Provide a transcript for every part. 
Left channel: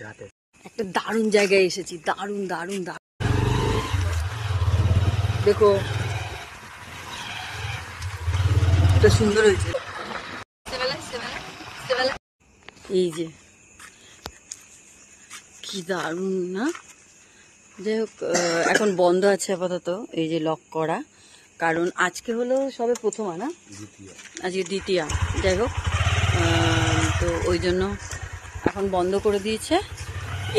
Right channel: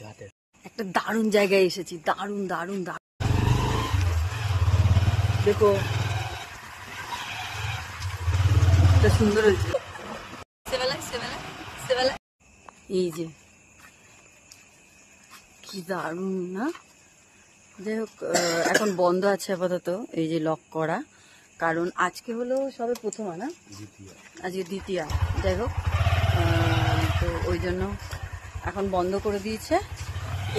একটা দারুণ জায়গায় এসেছি, দারুণ দারুণ দারুণ। দেখো এটা সুন্দর হয়েছে। এই যে কি দারুণ না। যাই হোক এখন বন্ধ আছে আপাতত, এই যে লক করা, কারণ আজকে হলো সবে প্রথম না, আজকে দ্বিতীয়া। যাই হোক তো ওই জন্য এখন বন্ধ করে দিয়েছে।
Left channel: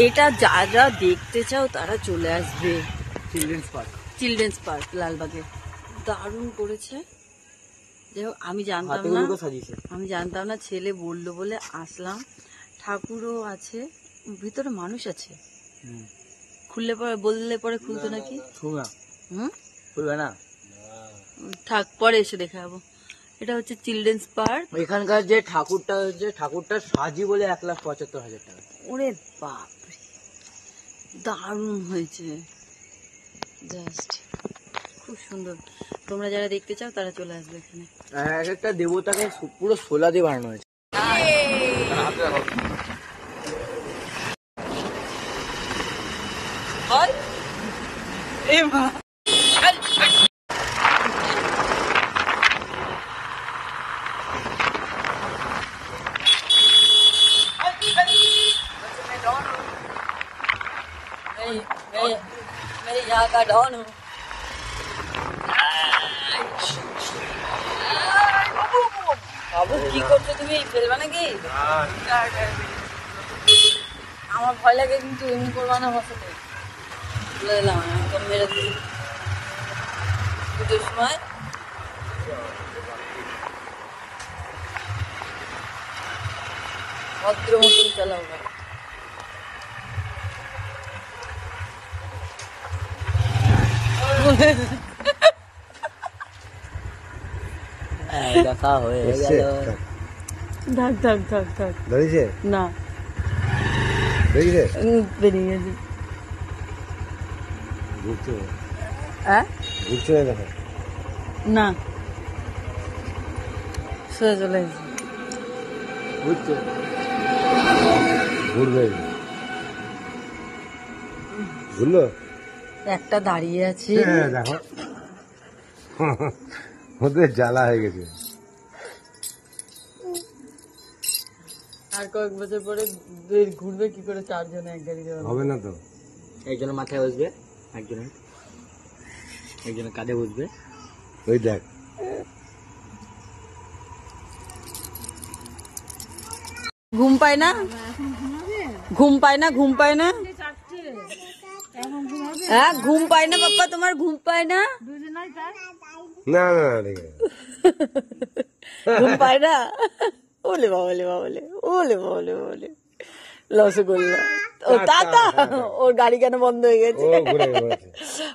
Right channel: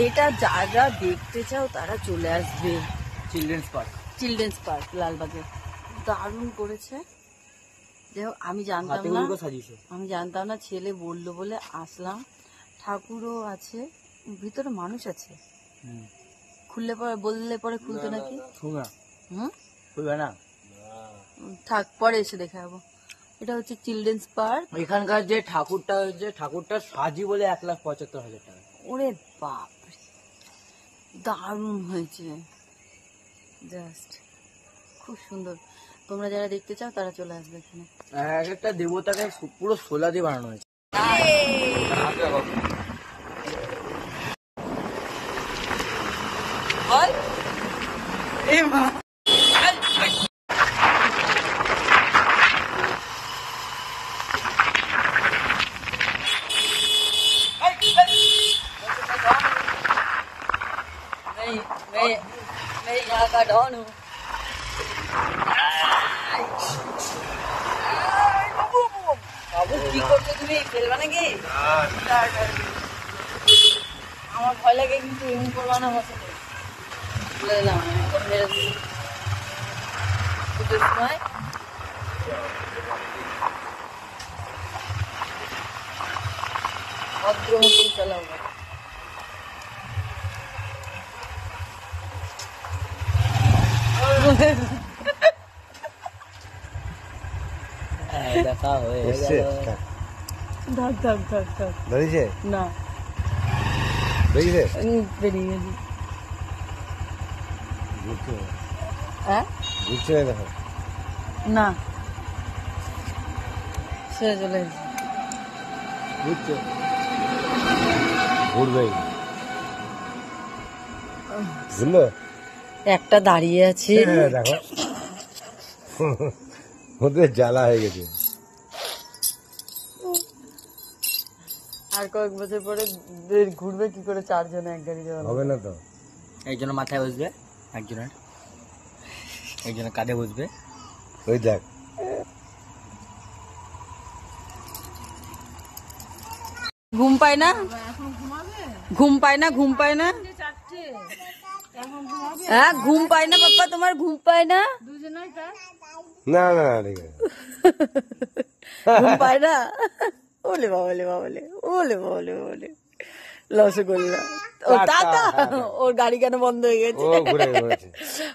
এটা যারা দেখতে চাও তারা চলে আসবে। চিলড্রেন্স পার্ক লালবাগে দারুণ করেছে। যাই হোক আমি জানতাম না, ছেলে বললো বলে আসলাম। ঠাকুরও আছে ভিতরে, মানুষ আছে। খুললে পরে বললে পরে খুলতো নাকি? খুলবে না, থাক পরে এসে দেখা যাবো। এটা হচ্ছে চিলড্রেন্স পার্ক। এখানকার যে ঠাকুরটা সাজি বলে 1,75,000 টাকা। ওরে বাপ, দারুণ হয়েছে, জাস্ট খুব সুন্দর। তোমরা যারা দেখতে চাও তারা চলে আসবে এখানে। একটা দেবতাকে পুরো সোলা দিয়ে বানানো হয়েছে। मैं यहाँ का डॉन हूँ। বাবু কি করছো তুমি? ফেলবা নাকি? আমার ভয় লাগে কিন্তু, এমনি করবা না বসাতে। বলে দিলাম এখন মেরে দিই পুজোর সময়। ভদ্র মতন চালাও। দেখা হয়ে গেল। থাক থাক থাক থাক। ধরেছে না, বেরিয়ে বেরিয়ে ঘুরছে। হ্যাঁ ঘুরছে দেখো না, সে চলে গেছে। ঘুরছে, ঘুরবে। ঘুরলো, একটা দাঁড়িয়ে আছে। দেখো ওদের জ্বালা হয়ে গেছে। আর কয়েক বছর পরে ঘুরবে কি করে? চারজনে এক গাড়ি যাবে হবে না তো। একজনের মাথায় বসবে, একজনের কাঁধে বসবে। ওই দেখ ঘুম পায় না, ঘুম পায় না, ঘুম পায় না। হ্যাঁ ঘুম পায় না বাপ্পা, তোমার ঘুম পায় না? না না ঘুম পায় না। ওলে বাবলে বাবলে, ওলে বাবলে বাবলে, রসগোল্লা। ও টাটা, ওর গাড়ি কেন বন্ধ হয়ে গেছে?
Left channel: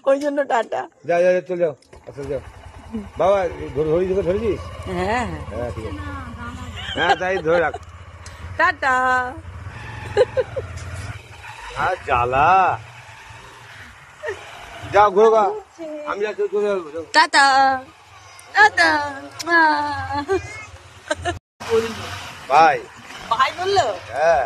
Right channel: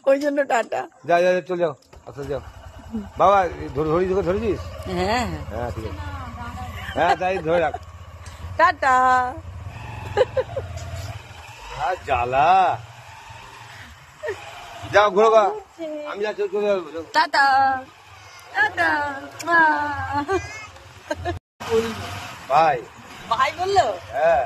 ওই জন্য টাটা। যা যা চলে যাও, আসলে যাও বাবা। ধরেছিস? হ্যাঁ হ্যাঁ ঠিক আছে, হ্যাঁ তাই ধরে রাখ। টাটা। আর জ্বালা, যাও ঘুরবা। আমি যাচ্ছি, টাটা টাটা। ভাই ভাই বললো? হ্যাঁ।